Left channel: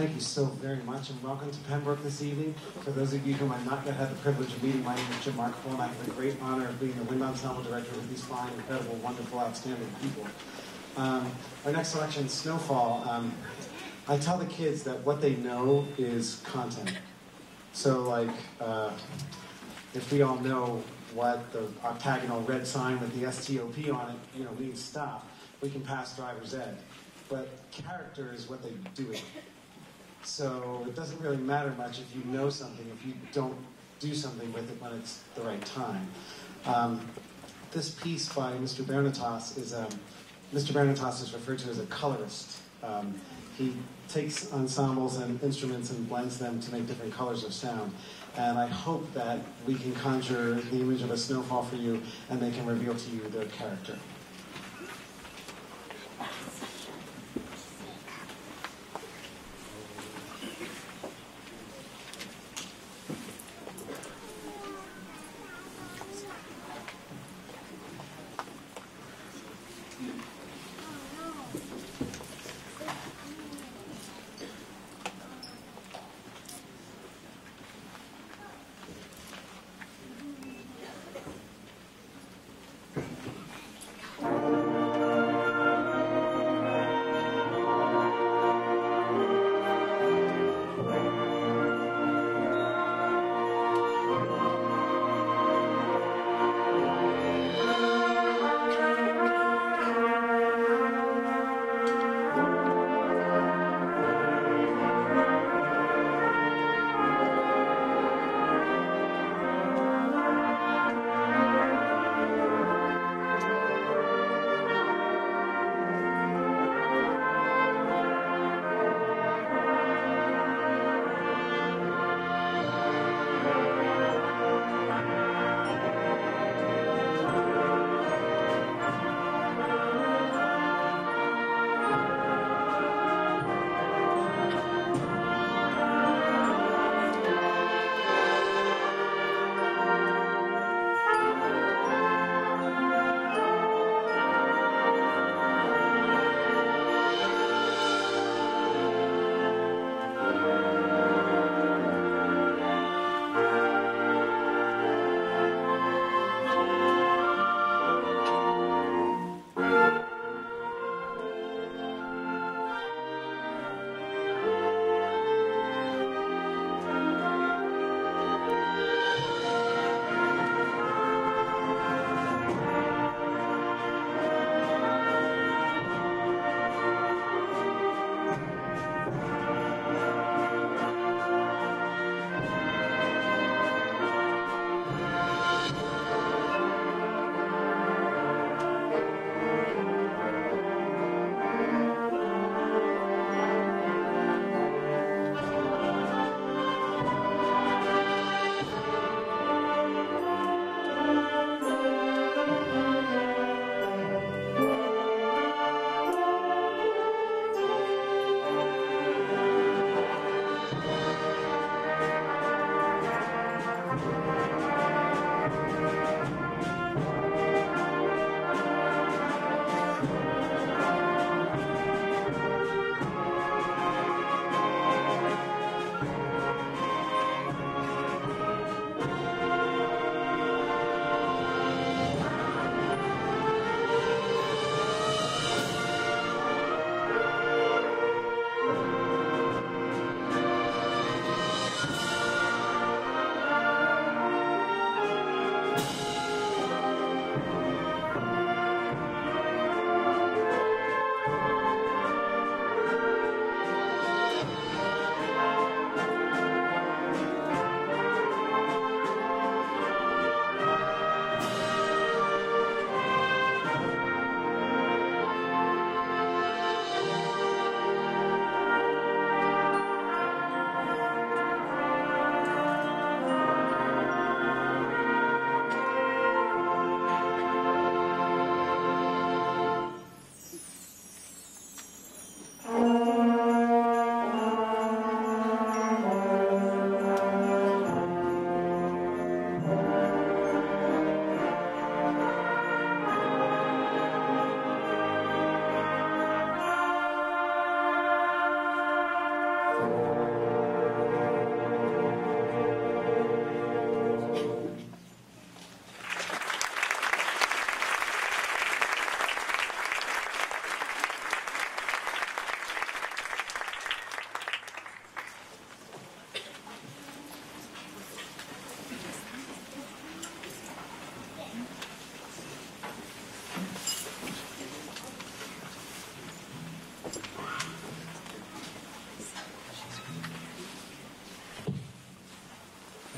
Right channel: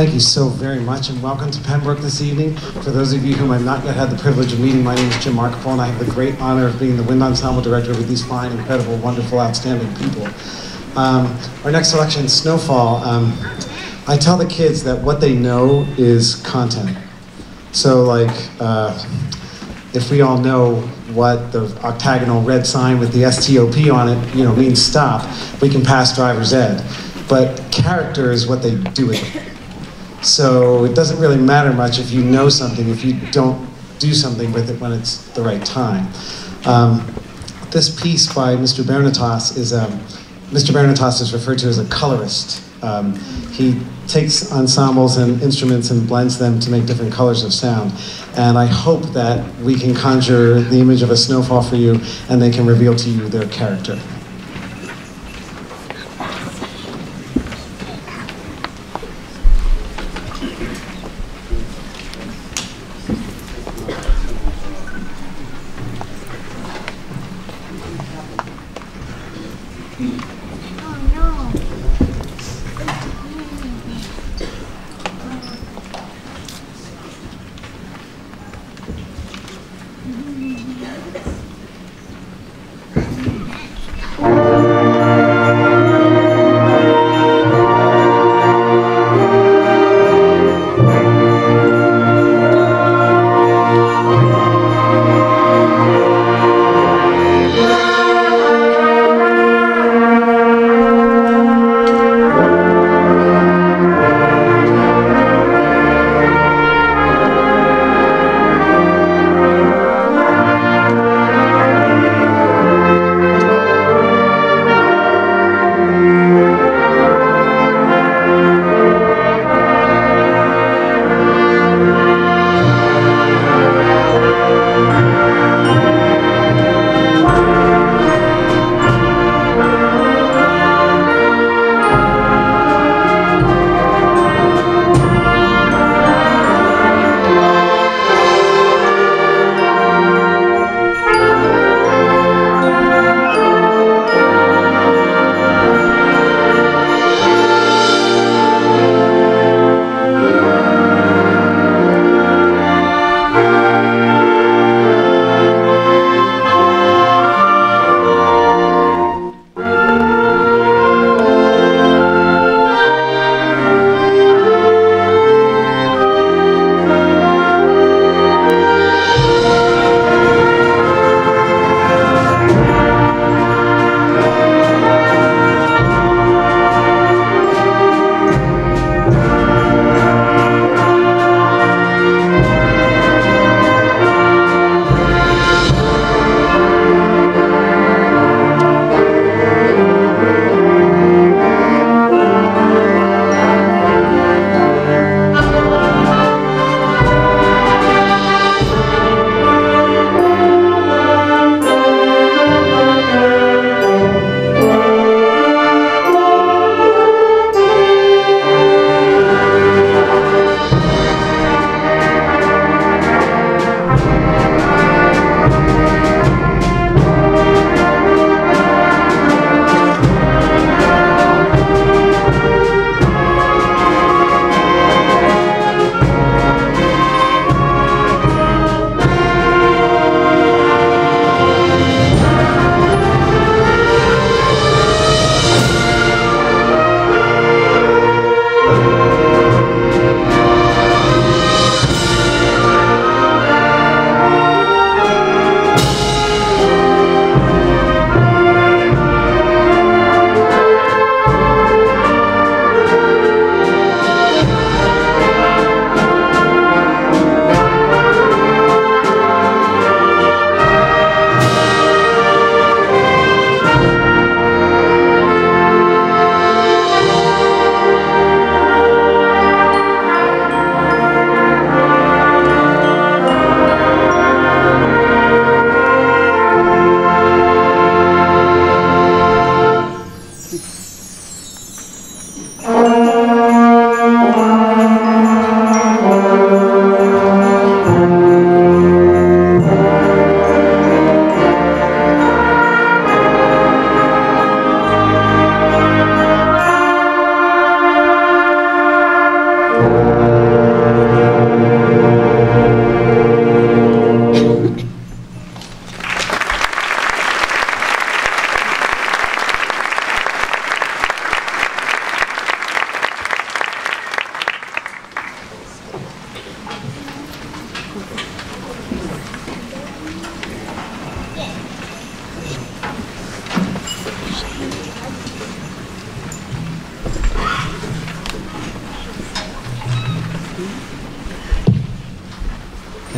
Thank you so very much, and welcome to Pennbrook this evening. For those of you whom I've not yet had the privilege of meeting, my name is Jim Markapole, and I have the great honor of being the wind ensemble director with these fine, incredible, wonderful, outstanding people. Our next selection, Snowfall. I tell the kids that what they know is content. So, like, if we all know what the octagonal red sign with the STOP on it, means stop, we can pass driver's ed. But character is what they do with it. So it doesn't really matter much if you know something, if you don't do something with it when it's the right time. This piece by Mr. Bernatas is, Mr. Bernatas is referred to as a colorist. He takes ensembles and instruments and blends them to make different colors of sound. And I hope that we can conjure the image of a snowfall for you and they can reveal to you their character.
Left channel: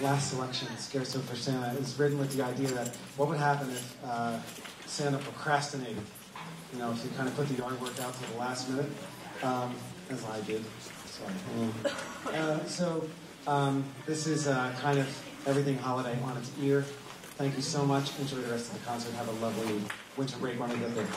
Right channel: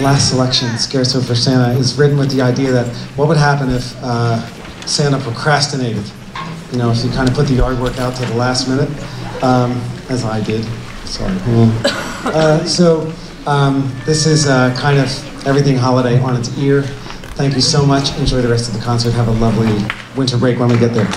last selection, Scherzo for Santa, is written with the idea that what would happen if Santa procrastinated? You know, if you kind of put the yard work out to the last minute, as I did. Sorry. This is kind of everything holiday on its ear. Thank you so much. Enjoy the rest of the concert. Have a lovely winter break when we get there.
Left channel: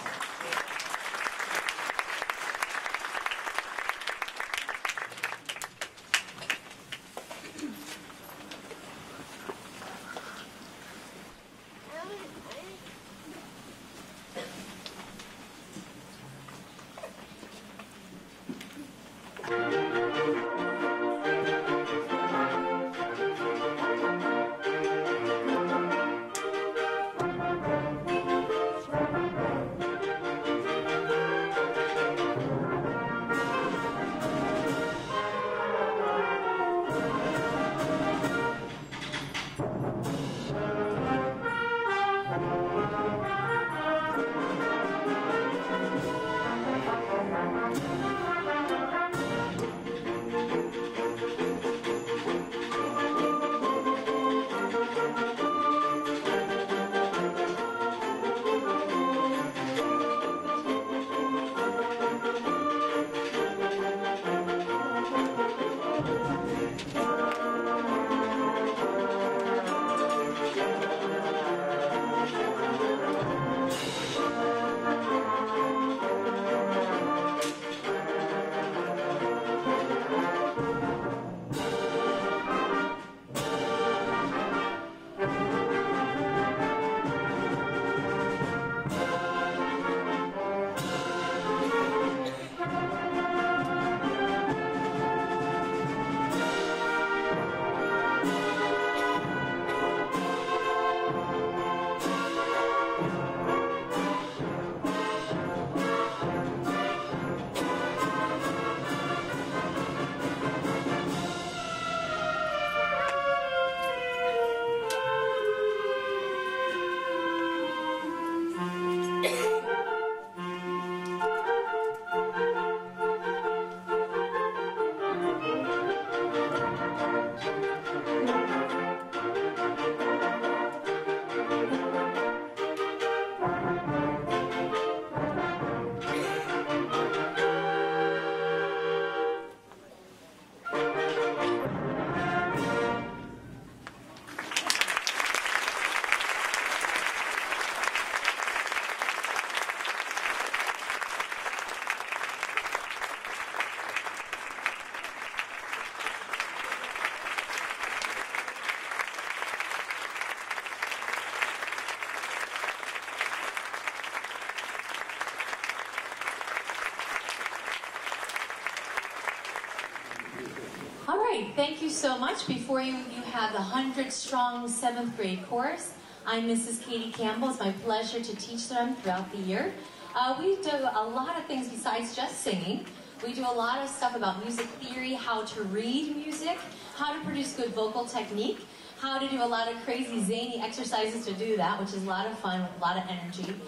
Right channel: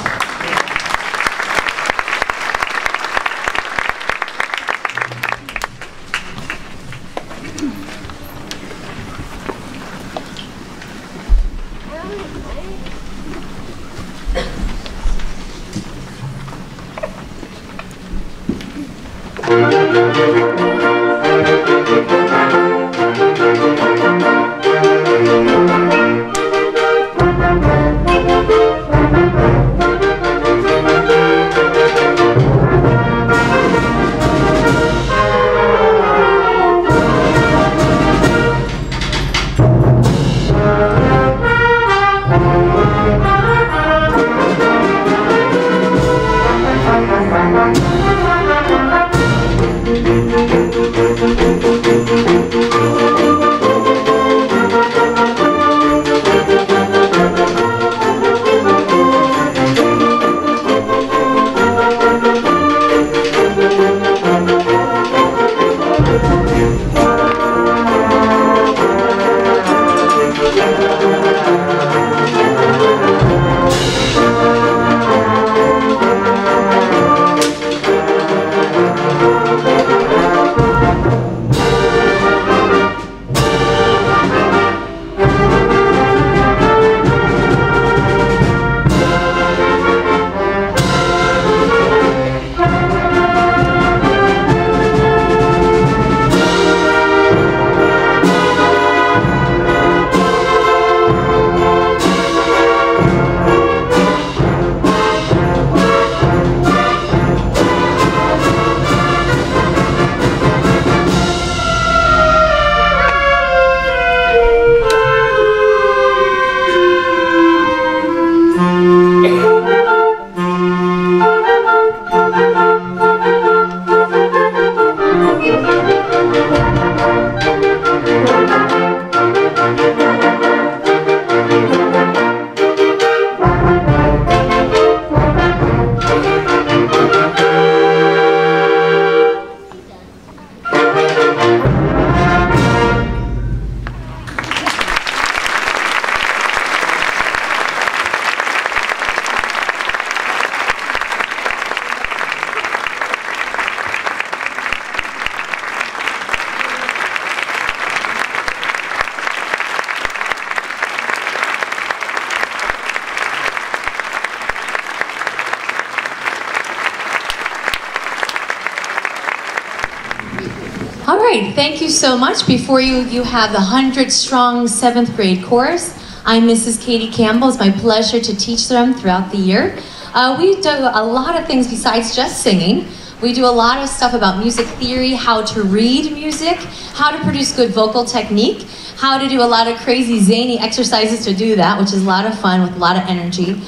All right, thank you so much. Before you have the 100-strong 7th grade chorus. I'm Mrs. Katie Campbell. It's my pleasure to teach them throughout the year. We do a lot of things besides just singing. We do a lot of stuff about music theory, how to read music, how to produce good vocal technique, how to do a lot of crazy zany exercises to do that, which is a lot of fun with a lot of energy.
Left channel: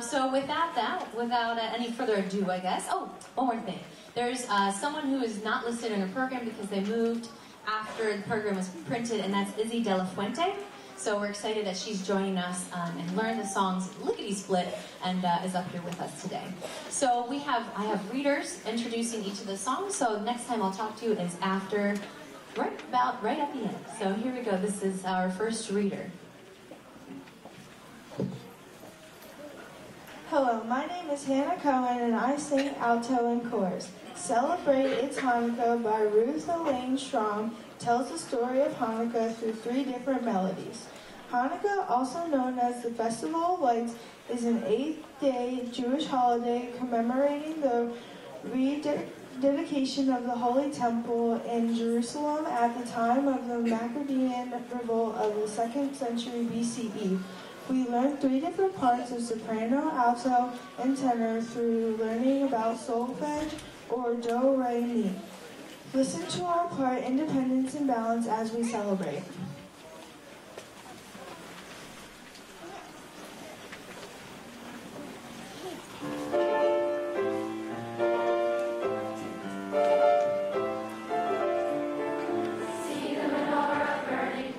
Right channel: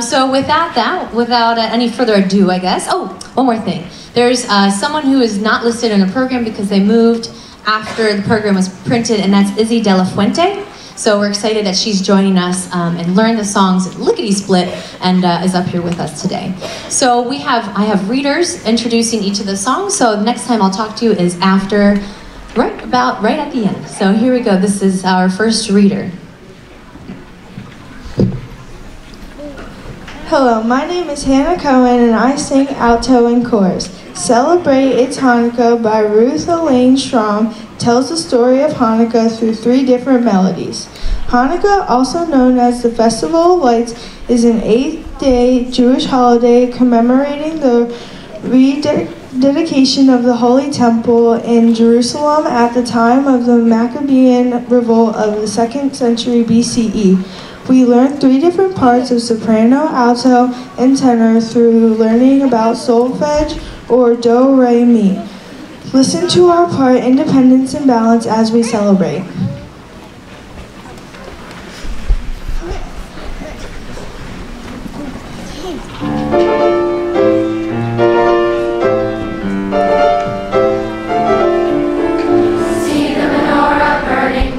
So without any further ado, I guess. Oh, one more thing. There's someone who is not listed in the program because they moved after the program was printed, and that's Izzy De La Fuente. So we're excited that she's joining us and learned the songs lickety-split and is up here with us today. So I have readers introducing each of the songs. So the next time I'll talk to you is after, right at the end. So here we go. This is our first reader. Hello, my name is Hannah Cohen and I sing alto and chorus. Celebrate It's Hanukkah by Ruth Elaine Strom tells the story of Hanukkah through 3 different melodies. Hanukkah, also known as the Festival of Lights, is an 8-day Jewish holiday commemorating the rededication of the Holy Temple in Jerusalem at the time of the Maccabean revolt of the 2nd century BCE. We learn 3 different parts of soprano, alto, and tenor through learning about solfege or do, re, mi. Listen to our part, Independence and Balance, as we celebrate. See the menorah burning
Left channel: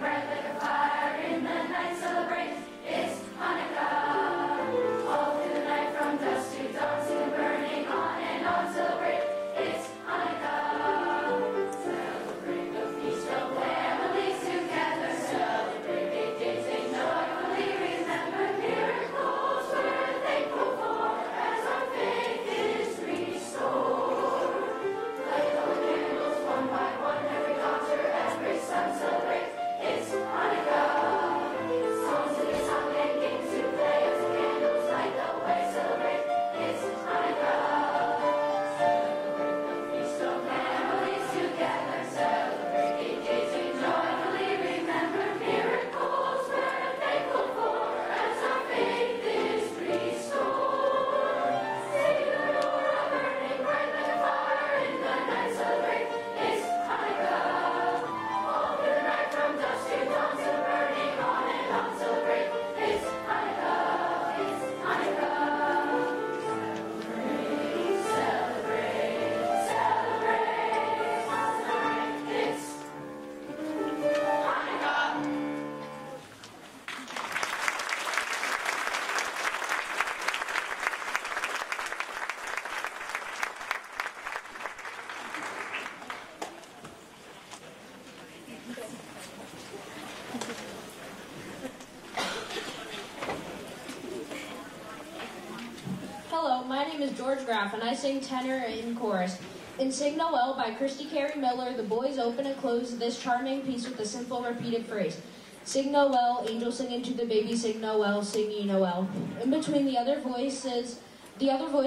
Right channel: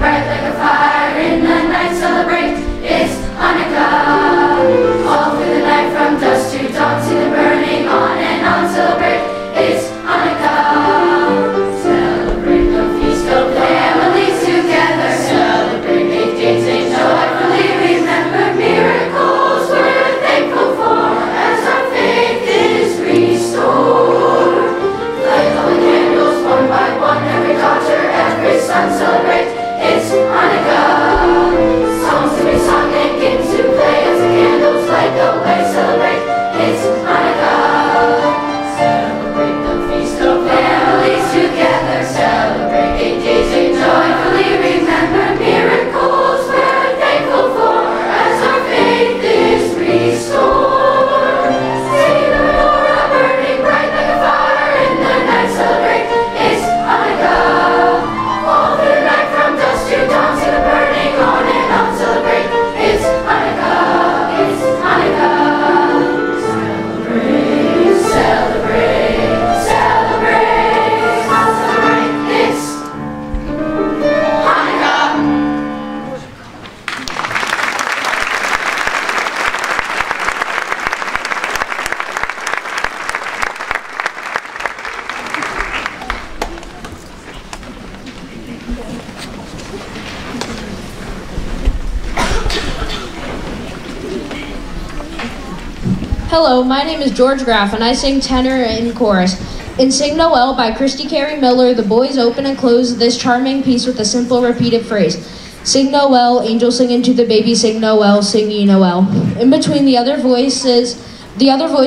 Hello, my name is George Graff, and I sing tenor and chorus. In Sing Noel by Christy Carey Miller, the boys open and close this charming piece with a simple repeated phrase. Sing Noel, angels singing to the baby, sing Noel, sing ye Noel. In between the other voice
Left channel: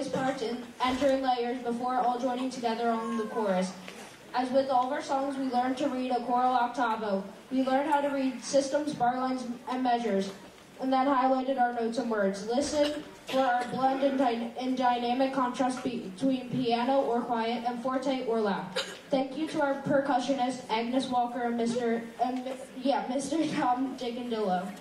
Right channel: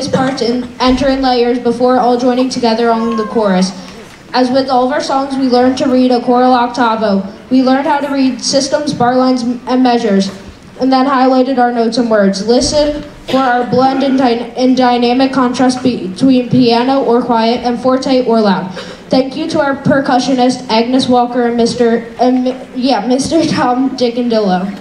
parts enter in layers before all joining together on the chorus. As with all of our songs, we learned to read a choral octavo. We learned how to read systems, bar lines, and measures, and then highlighted our notes and words. Listen for our blend and dynamic contrast between piano or quiet and forte or loud. Thank you to our percussionist, Agnes Walker, and Mr. Tom Dickendillo.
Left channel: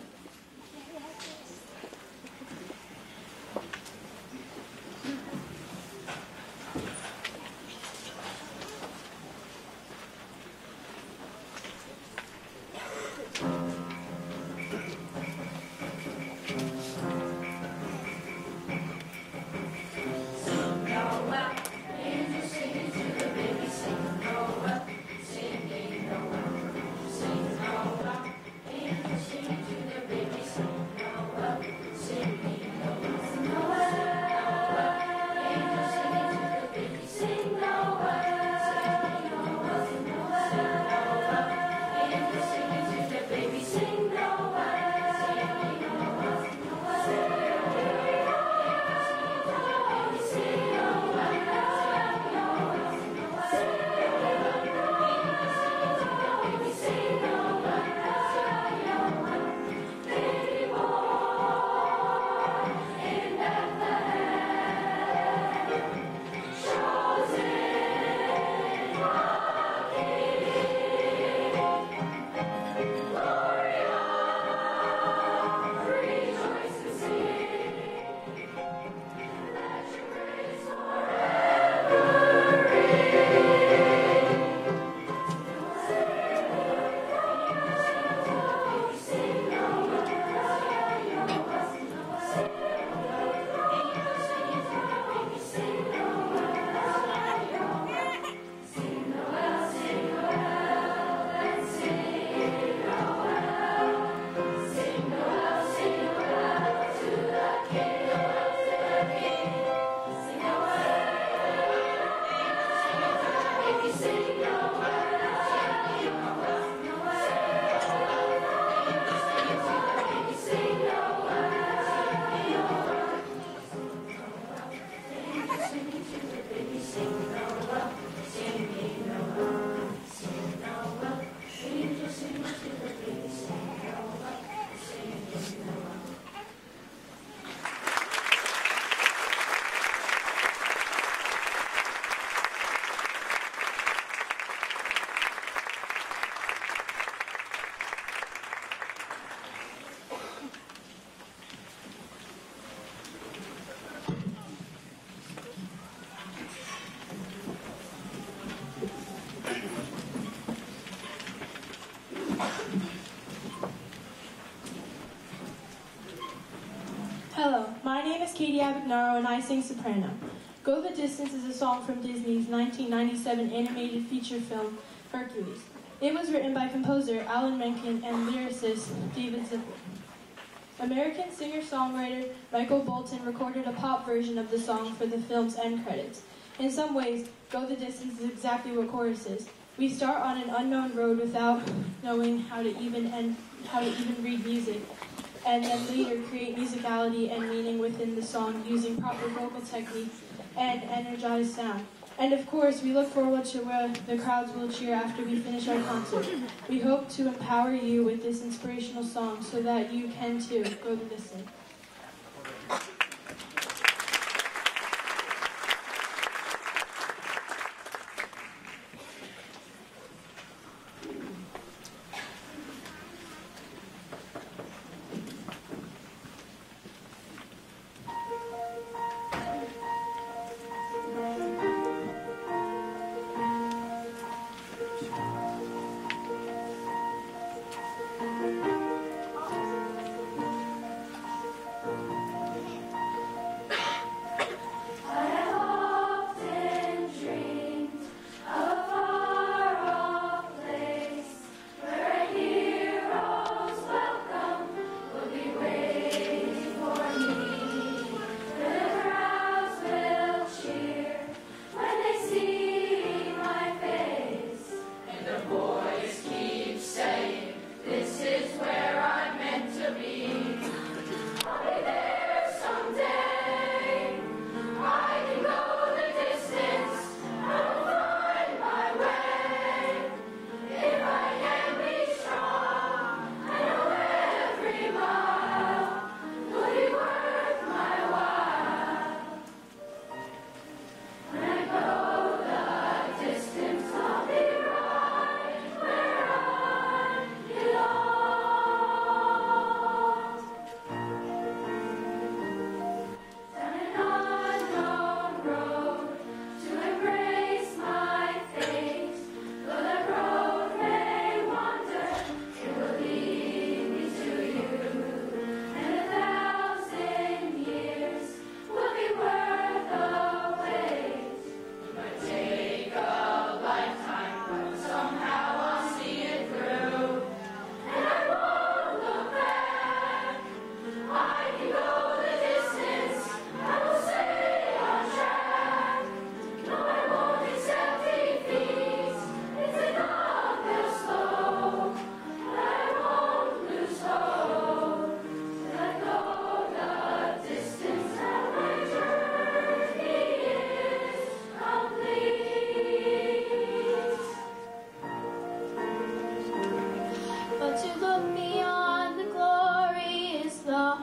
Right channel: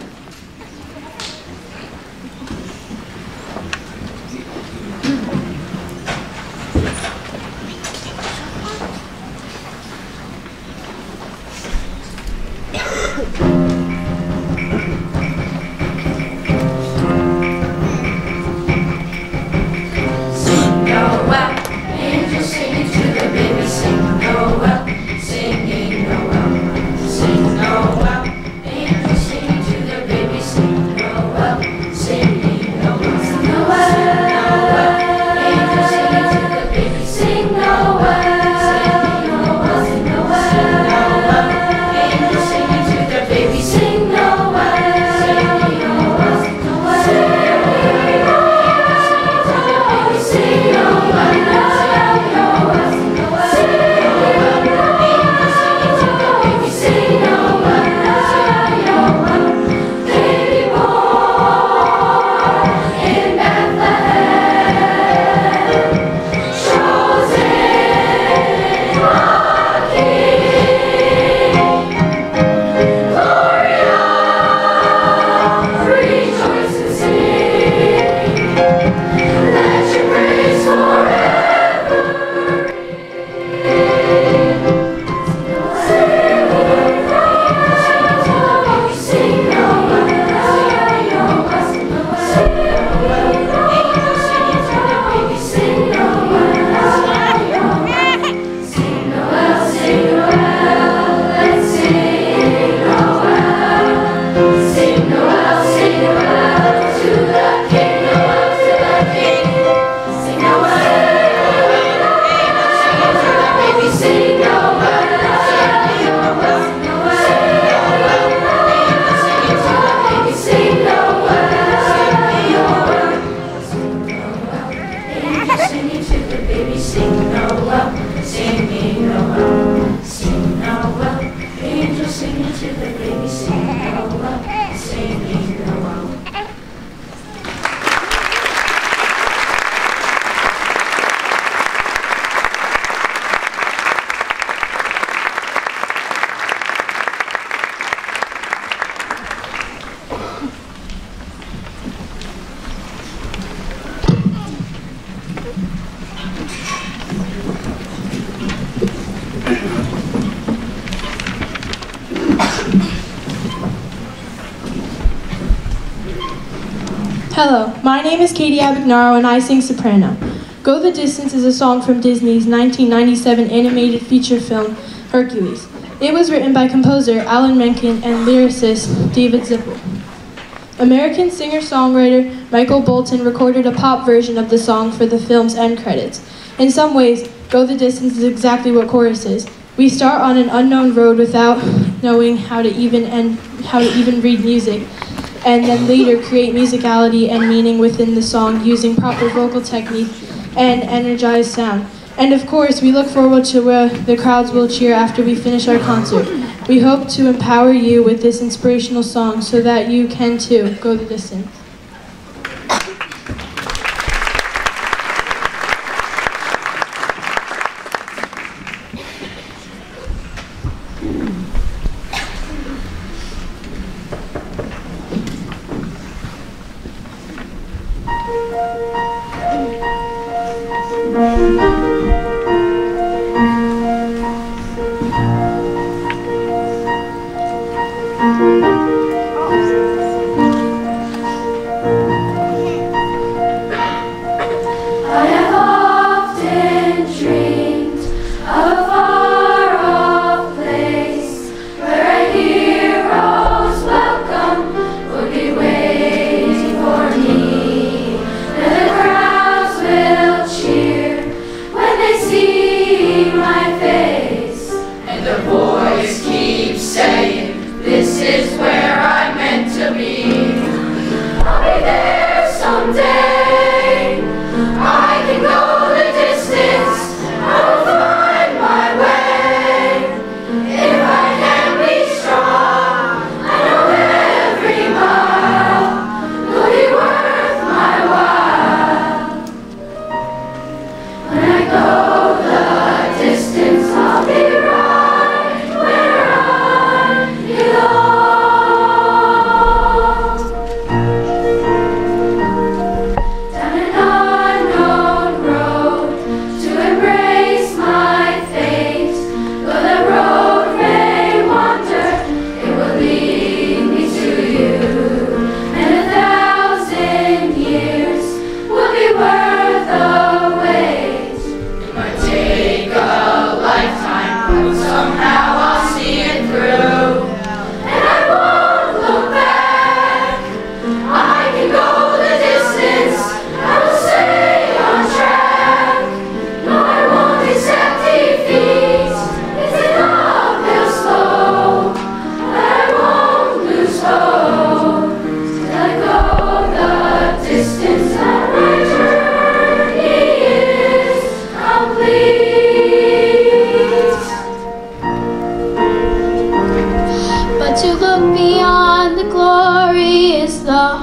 Hello, my name is Katie Abagnaro and I sing soprano. Go the Distance is a song from Disney's 1997 animated feature film, Hercules. It was written by composer Alan Menken and lyricist David Zippel. American singer-songwriter Michael Bolton recorded a pop version of the song for the film's end credits. In some ways, Go the Distance is exactly what chorus is. We start on an unknown road without knowing how to even read music, and then later create musicality and meaning within the song using proper vocal technique and energized sound. And of course, we look forward to where the crowds will cheer after we finish our concert. We hope to empower you with this inspirational song so that you can too go the distance. Crowd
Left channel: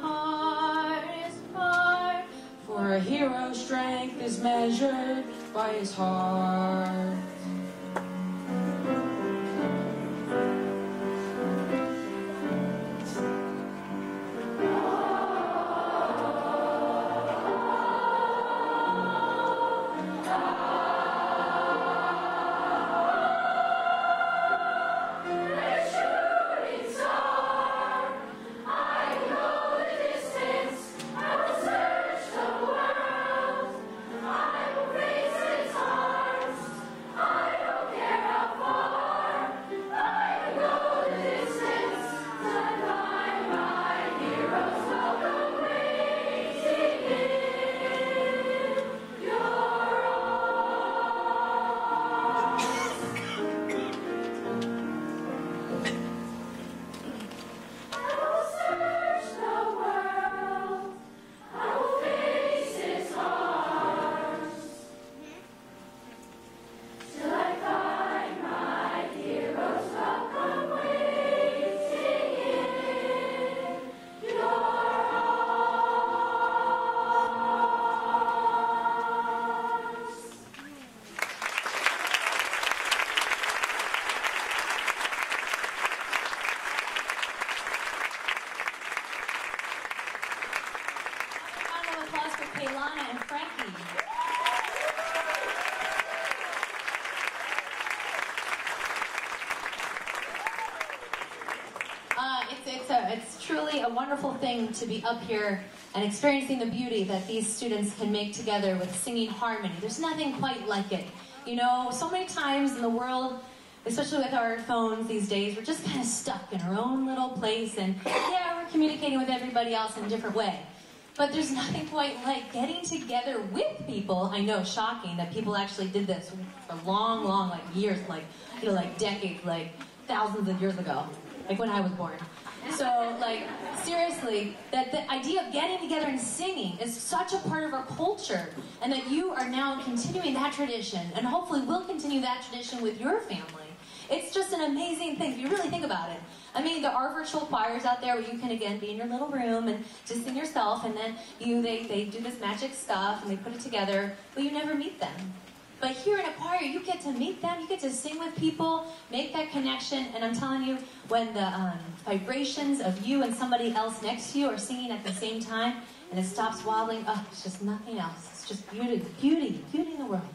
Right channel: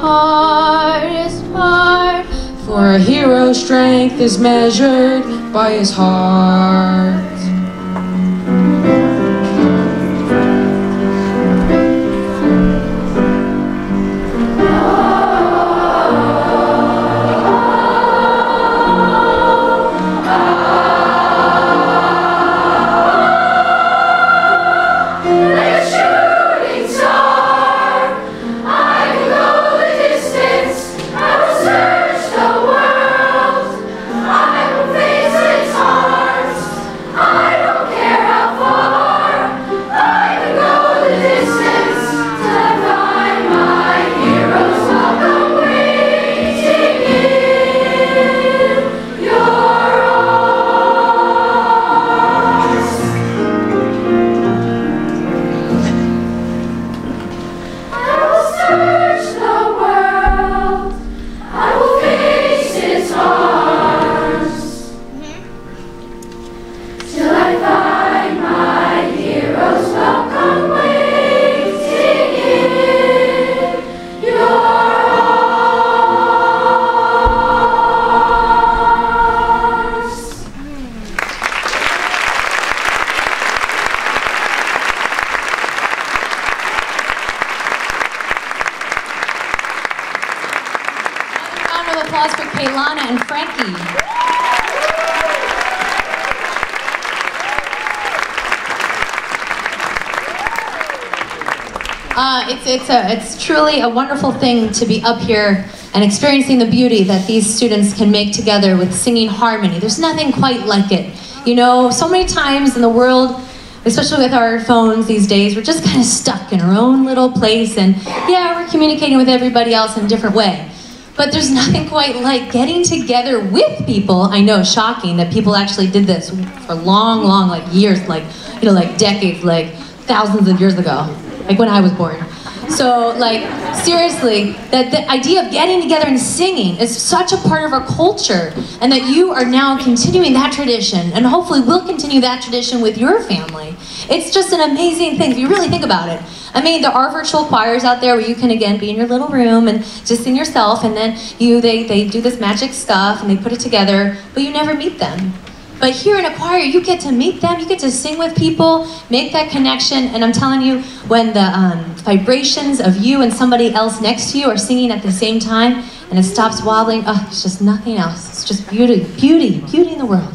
hardest part. For a hero's strength is measured by his heart. Applause for Kaylana and Frankie. It's truly a wonderful thing to be up here and experiencing the beauty that these students can make together with singing harmony. There's nothing quite like it. You know, so many times in the world, especially with our phones these days, we're just kind of stuck in our own little place, and yeah, we're communicating with everybody else in a different way. But there's nothing quite like getting together with people. I know, shocking that people actually did this for long, like years, like, you know, like decades, like thousands of years ago, like when I was born. So, like, seriously, that the idea of getting together and singing is such a part of our culture, and that you are now continuing that tradition, and hopefully will continue that tradition with your family. It's just an amazing thing if you really think about it. I mean, there are virtual choirs out there where you can, again, be in your little room and just sing yourself, and then they do this magic stuff, and they put it together, but you never meet them. But here in a choir, you get to meet them, you get to sing with people, make that connection, and I'm telling you, when the vibrations of you and somebody else next to you are singing at the same time, and it stops wobbling, oh, it's just nothing else. It's just beauty, beauty, beauty in the world.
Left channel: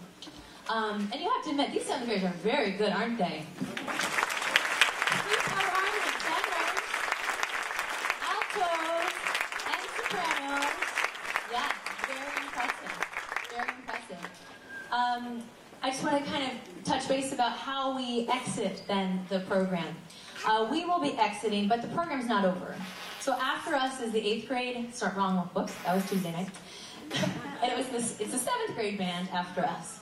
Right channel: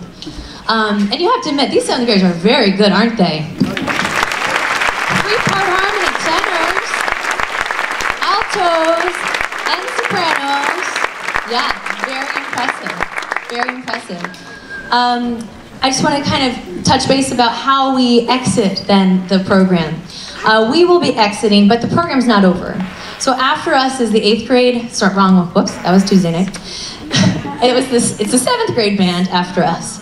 And you have to admit, these seventh graders are very good, aren't they? Three-part harmony, tenors, altos, and sopranos. Yeah, very impressive, very impressive. I just want to kind of touch base about how we exit then the program. We will be exiting, but the program's not over. So after us is the 8th grade, whoops, that was Tuesday night. It's the 7th grade band after us.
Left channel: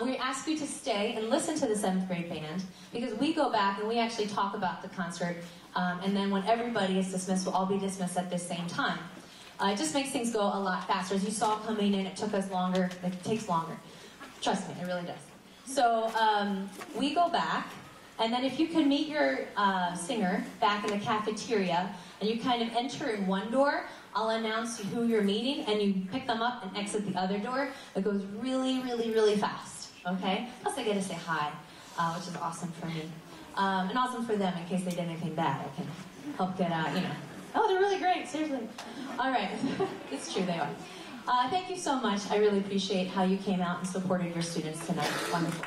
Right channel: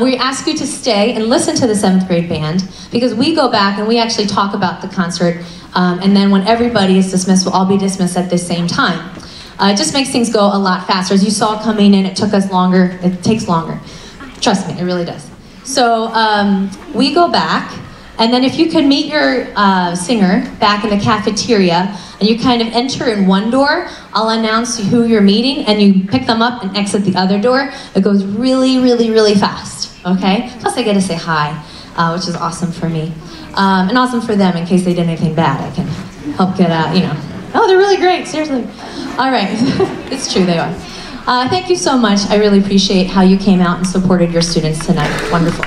We ask you to stay and listen to the 7th grade band, because we go back and we actually talk about the concert, and then when everybody is dismissed, we'll all be dismissed at the same time. It just makes things go a lot faster. As you saw coming in, it took us longer, it takes longer. Trust me, it really does. So we go back, and then if you could meet your singer back in the cafeteria, and you kind of enter in one door, I'll announce who you're meeting, and you pick them up and exit the other door. It goes really, really, really fast, okay? Plus I get to say hi, which is awesome for me. And awesome for them in case they did anything bad. I can help get out, you know. Oh, they're really great, seriously. All right, it's true, they are. Thank you so much. I really appreciate how you came out and supported your students tonight. Wonderful.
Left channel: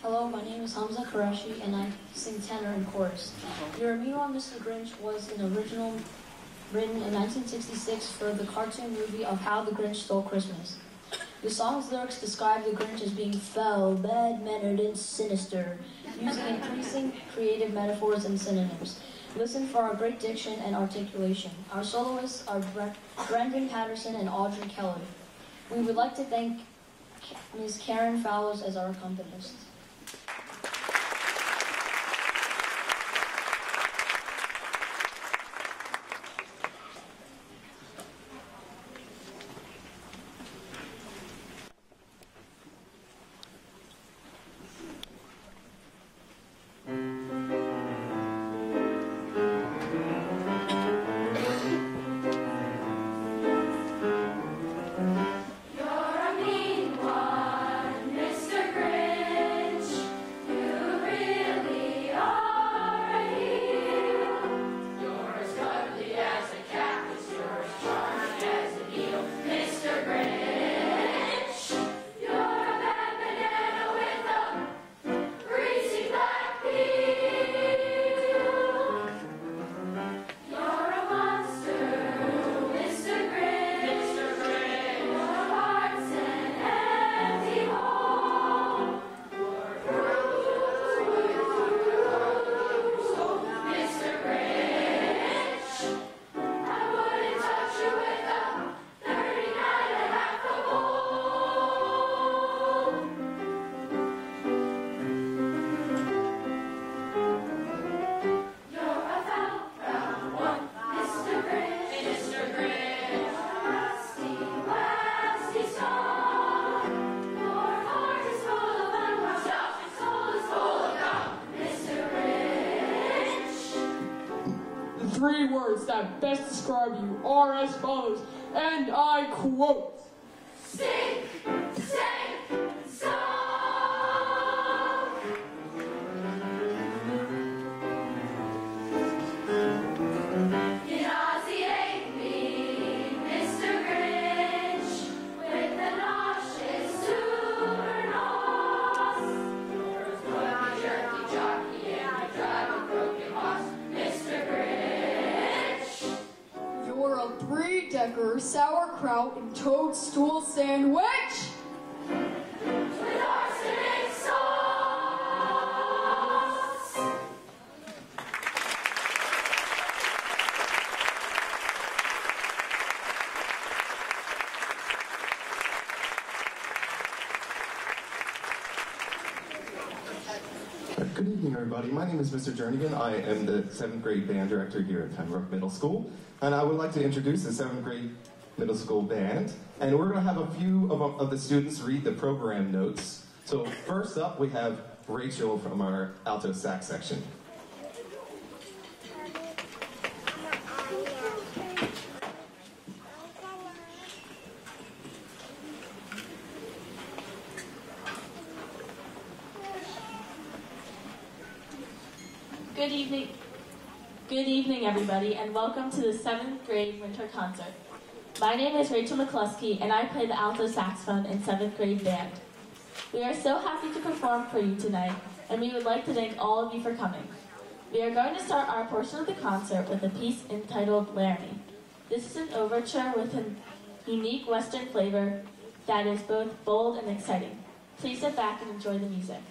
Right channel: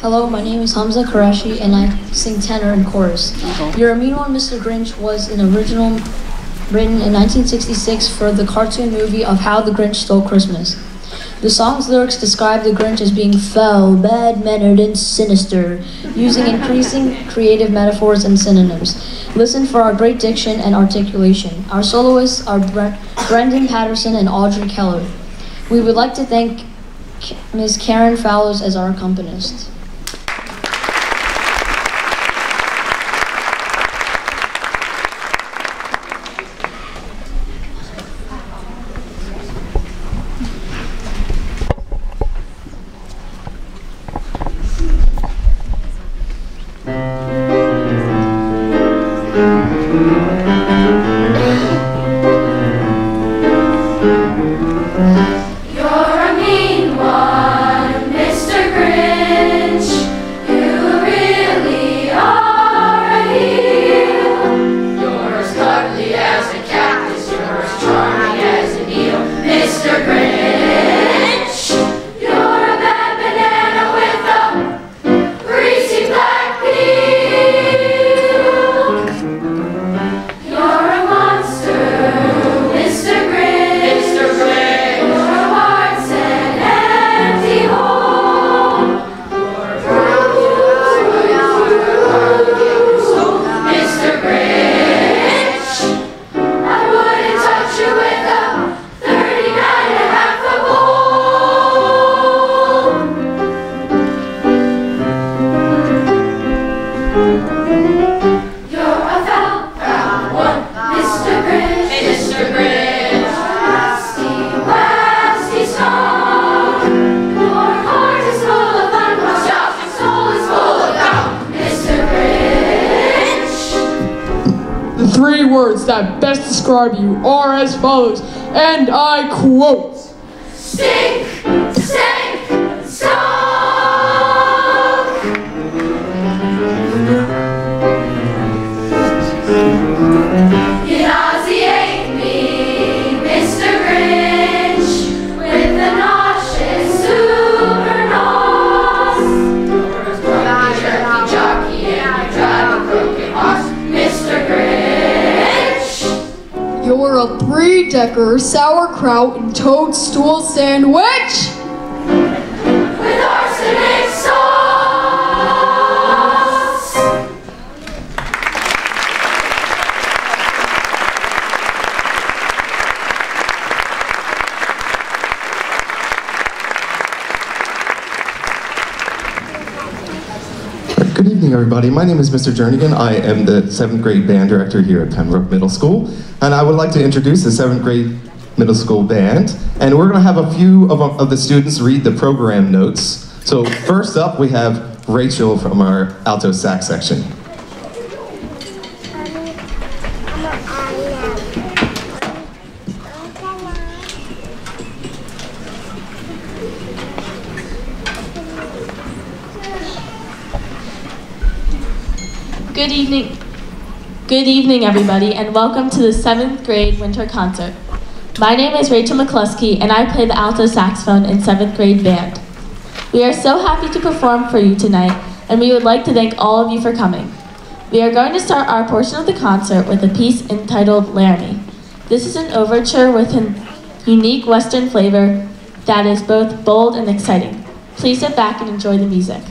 Hello, my name is Hamza Qureshi, and I sing tenor and chorus. Your Mean One, Mr. Grinch was an original written in 1966 for the cartoon movie of How the Grinch Stole Christmas. The song's lyrics describe the Grinch as being foul, bad-mannered, and sinister, using increasing creative metaphors and synonyms. Listen for our great diction and articulation. Our soloists are Brendan Patterson and Audrey Keller. We would like to thank Ms. Karen Fallows as our accompanist. 3 words that best describe you are as follows, and I quote. Stink, stink, stunk. You nauseate me, Mr. Grinch, with the nauseous super nose. You're a grumpy, jerky jockey, and you drive a broken horse, Mr. Grinch. You're a 3-decker sauerkraut and toadstool sandwich. With arsenic sauce. Good evening, everybody. My name is Mr. Jernigan. I am the 7th grade band director here at Pennbrook Middle School, and I would like to introduce the 7th grade middle school band. And we're going to have a few of the students read the program notes. So first up, we have Rachel from our alto sax section. Good evening, everybody, and welcome to the 7th grade winter concert. My name is Rachel McCluskey, and I play the alto saxophone in 7th grade band. We are so happy to perform for you tonight, and we would like to thank all of you for coming. We are going to start our portion of the concert with a piece entitled Laramie. This is an overture with a unique Western flavor that is both bold and exciting. Please sit back and enjoy the music.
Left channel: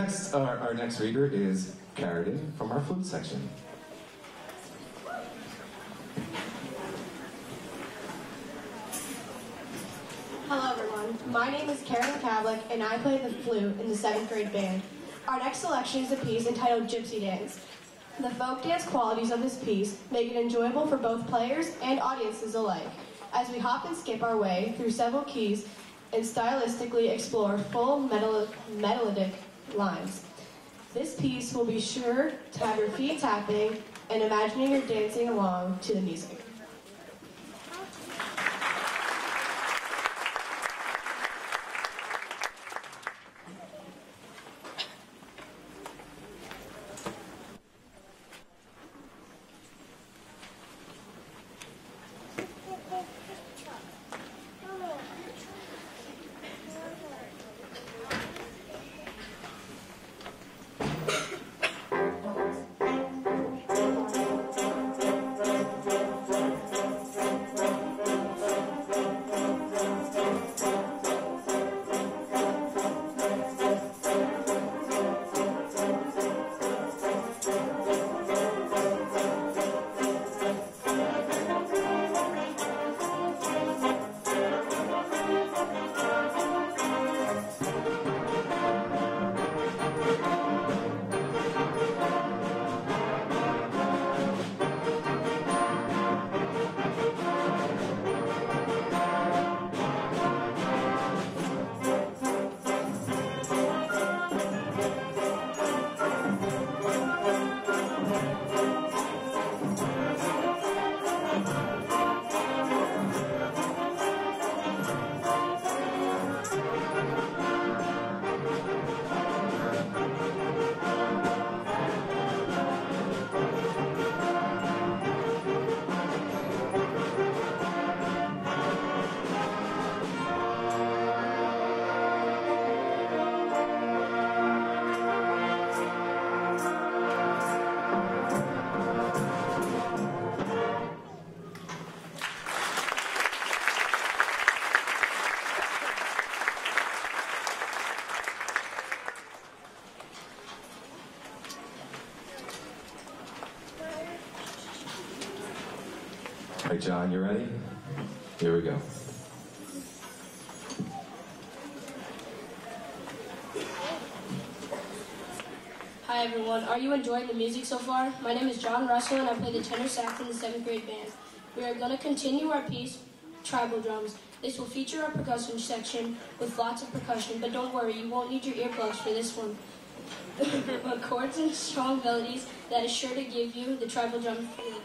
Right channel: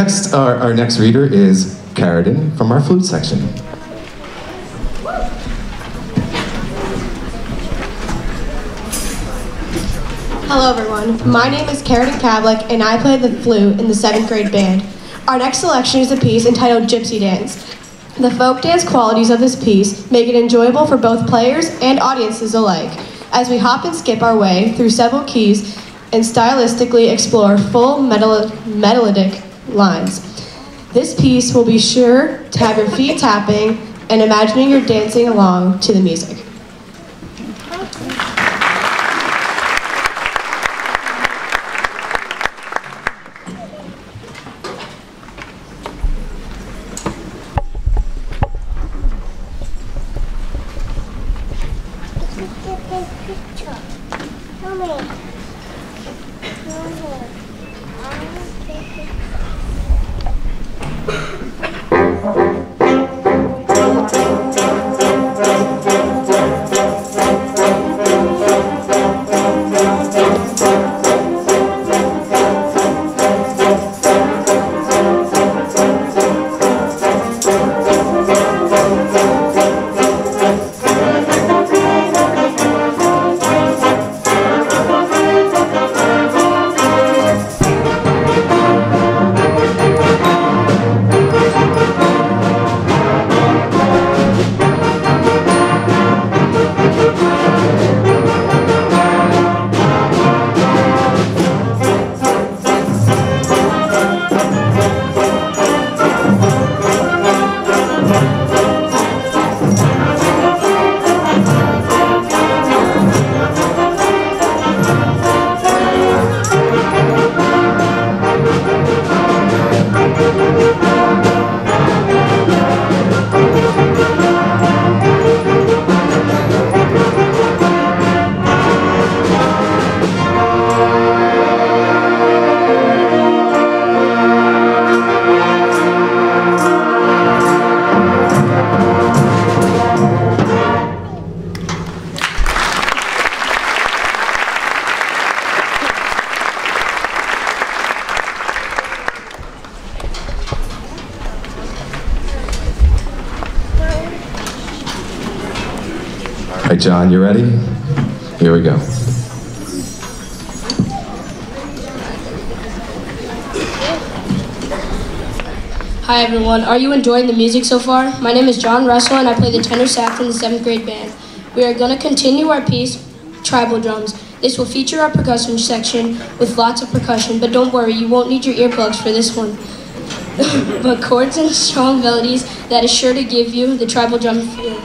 next, our next reader is Carradine from our flute section. Hello everyone, my name is Carradine Kavlik and I play the flute in the 7th grade band. Our next selection is a piece entitled Gypsydance. The folk dance qualities of this piece make it enjoyable for both players and audiences alike, as we hop and skip our way through several keys and stylistically explore full melodic lines. This piece will be sure to have your feet tapping and imagining you're dancing along to the music. All right, John, you ready? Here we go. Hi everyone, are you enjoying the music so far? My name is John Russell and I play the tenor sax in the 7th grade band. We are going to continue our piece, Tribal Drums. This will feature our percussion section with lots of percussion, but don't worry, you won't need your earplugs for this one. But chords and strong melodies that is sure to give you the tribal drum feel.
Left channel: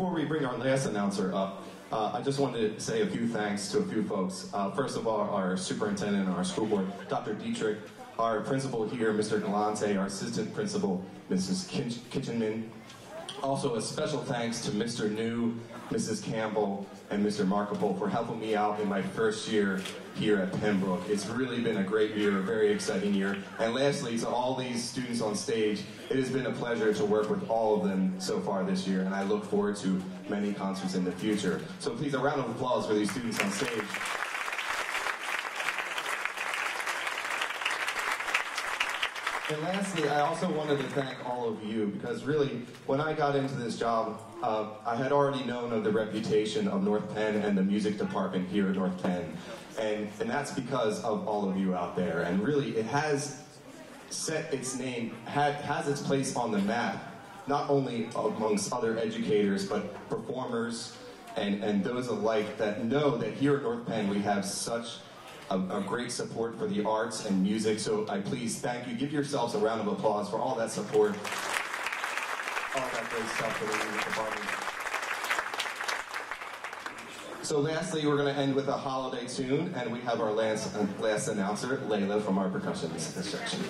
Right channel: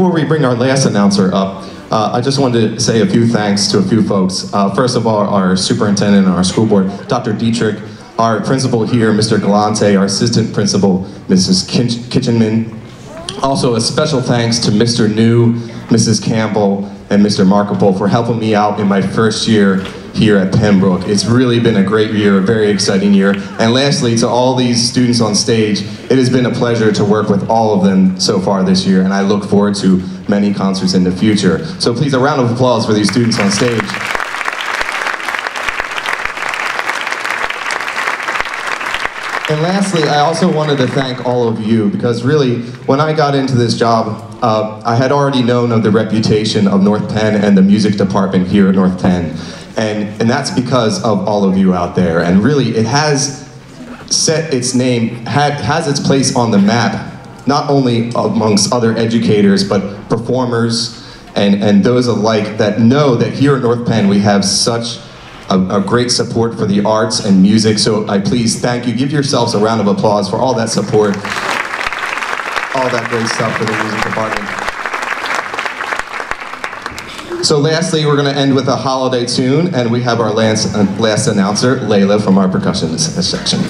before we bring our last announcer up, I just wanted to say a few thanks to a few folks. First of all, our superintendent and our school board, Dr. Dietrich, our principal here, Mr. Galante, our assistant principal, Mrs. Kitchenman. Also, a special thanks to Mr. New, Mrs. Campbell, and Mr. Markapole for helping me out in my first year here at Pennbrook. It's really been a great year, a very exciting year. And lastly, to all these students on stage, it has been a pleasure to work with all of them so far this year, and I look forward to many concerts in the future. So please, a round of applause for these students on stage. And lastly, I also wanted to thank all of you, because really, when I got into this job, I had already known of the reputation of North Penn and the music department here at North Penn. And that's because of all of you out there. And really, it has set its name, has its place on the map, not only amongst other educators, but performers and those alike that know that here at North Penn we have such a great support for the arts and music. So I please thank you. Give yourselves a round of applause for all that support, all that great stuff for the music department. So lastly, we're going to end with a holiday tune, and we have our last announcer, Layla, from our percussion section.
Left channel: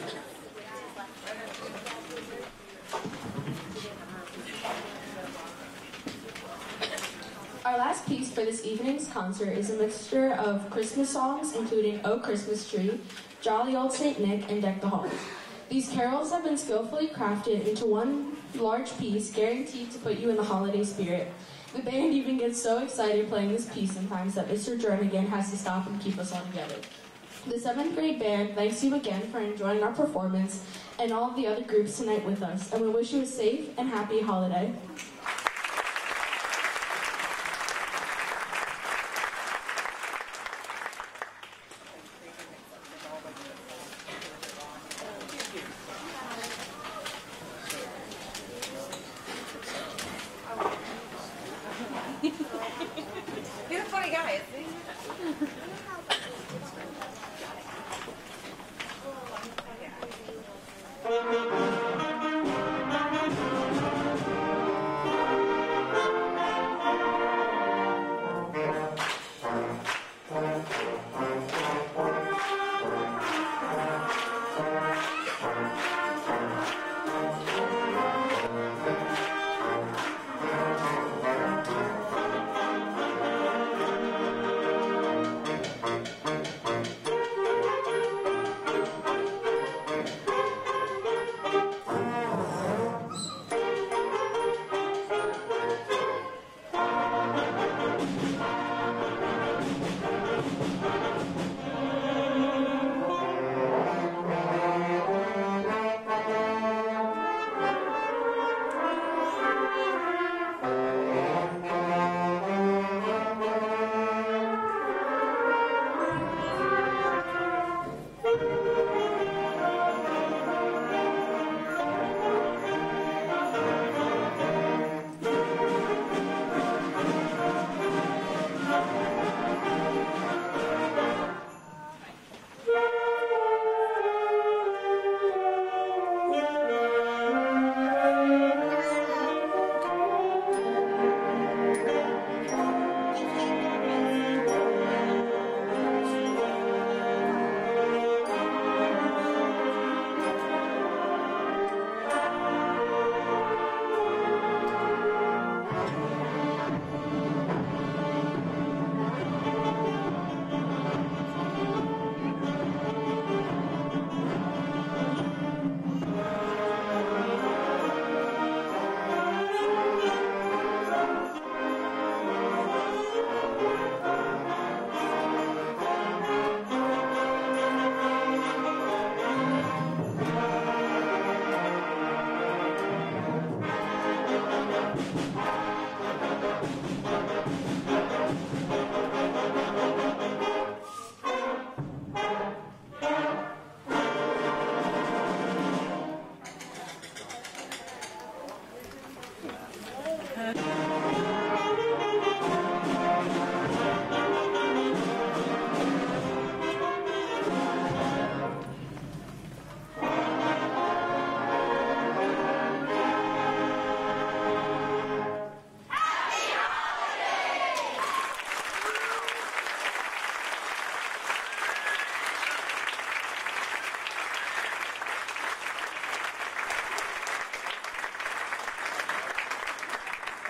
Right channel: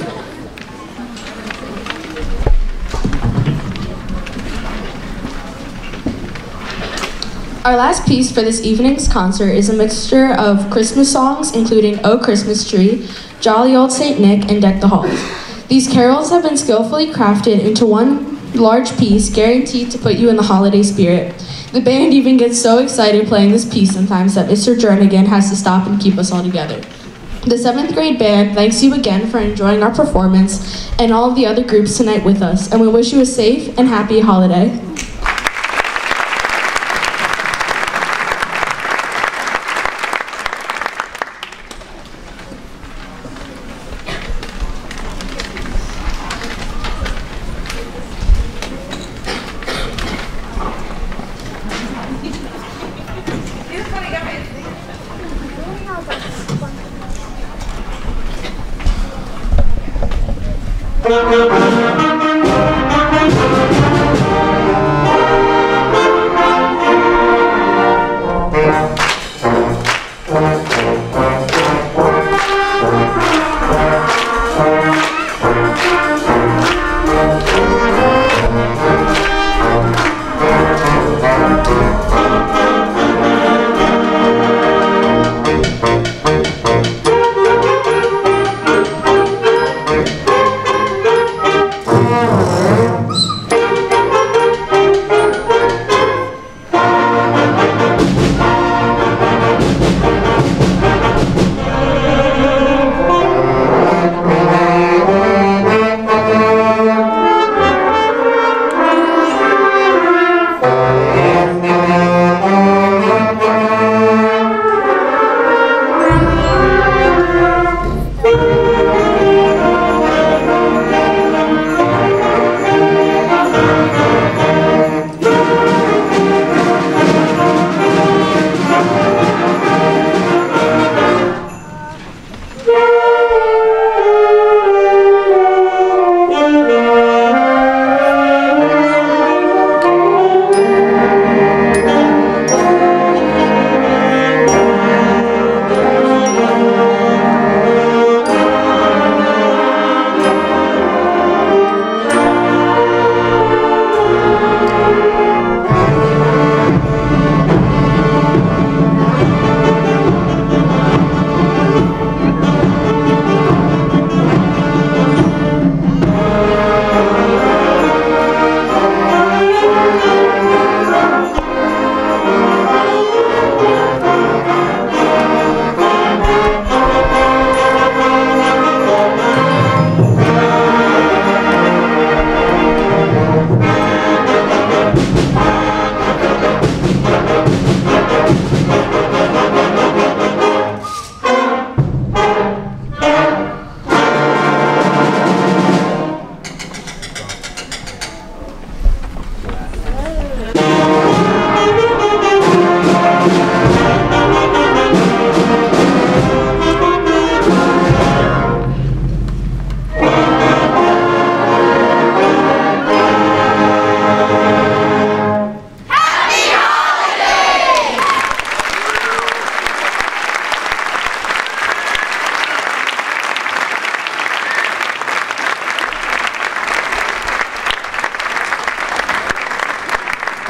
Our last piece for this evening's concert is a mixture of Christmas songs, including "Oh Christmas Tree," "Jolly Old Saint Nick," and "Deck the Halls." These carols have been skillfully crafted into one large piece, guaranteed to put you in the holiday spirit. The band even gets so excited playing this piece sometimes that Mr. Jernigan has to stop and keep us all together. The 7th grade band thanks you again for enjoying our performance and all of the other groups tonight with us, and we wish you a safe and happy holiday.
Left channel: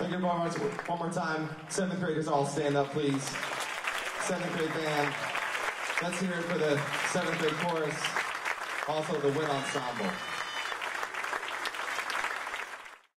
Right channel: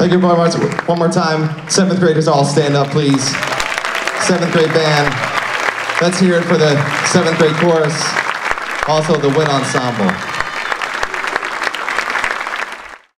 Thank you very much. One more time. 7th graders all stand up, please. 7th grade band. Let's hear it for the 7th grade chorus. Also the wind ensemble.